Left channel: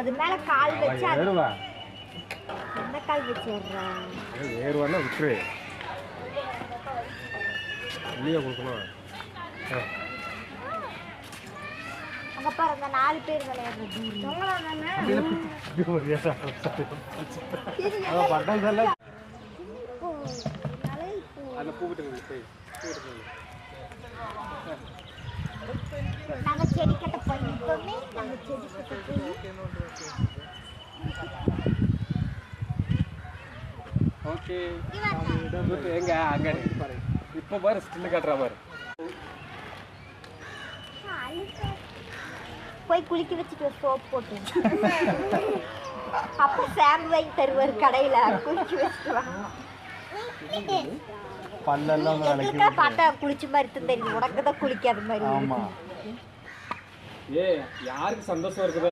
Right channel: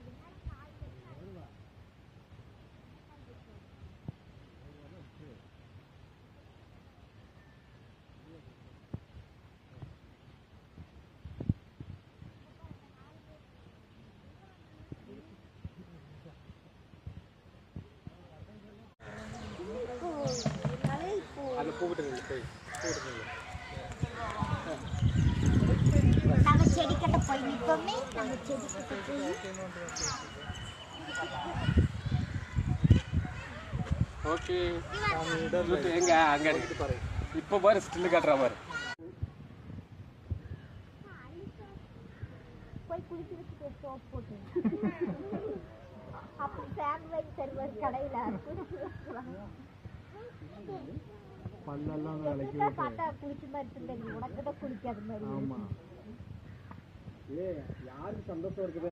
அது மேல கால் வச்சு என்ன கால் வச்சு விடுறா ஏறுவானா விட்டுரு இல்லையா கொடுக்கணும் அங்க பாருங்க 4 பேர் விளையாடுறது நாங்க செடி கட்ட போய் நிற்போமே நாங்க செடி கட்ட போய் ஓகே எங்க அங்க பாரு இப்ப பாரு ஸ்டில் காட்டுறா பாரு போய் குளிக்க வச்சுட்டு சோப் போட்டு அப்ப ஷாம்பு வாங்கி தருவார் கடையில குளிக்க வச்சுட்டு வாங்க பார்த்தா குளிச்ச மாதிரி தெரியும் உனக்கு தான் குளிக்காத மாதிரி ஏ யாருக்கு சந்தோஷம் இருக்குது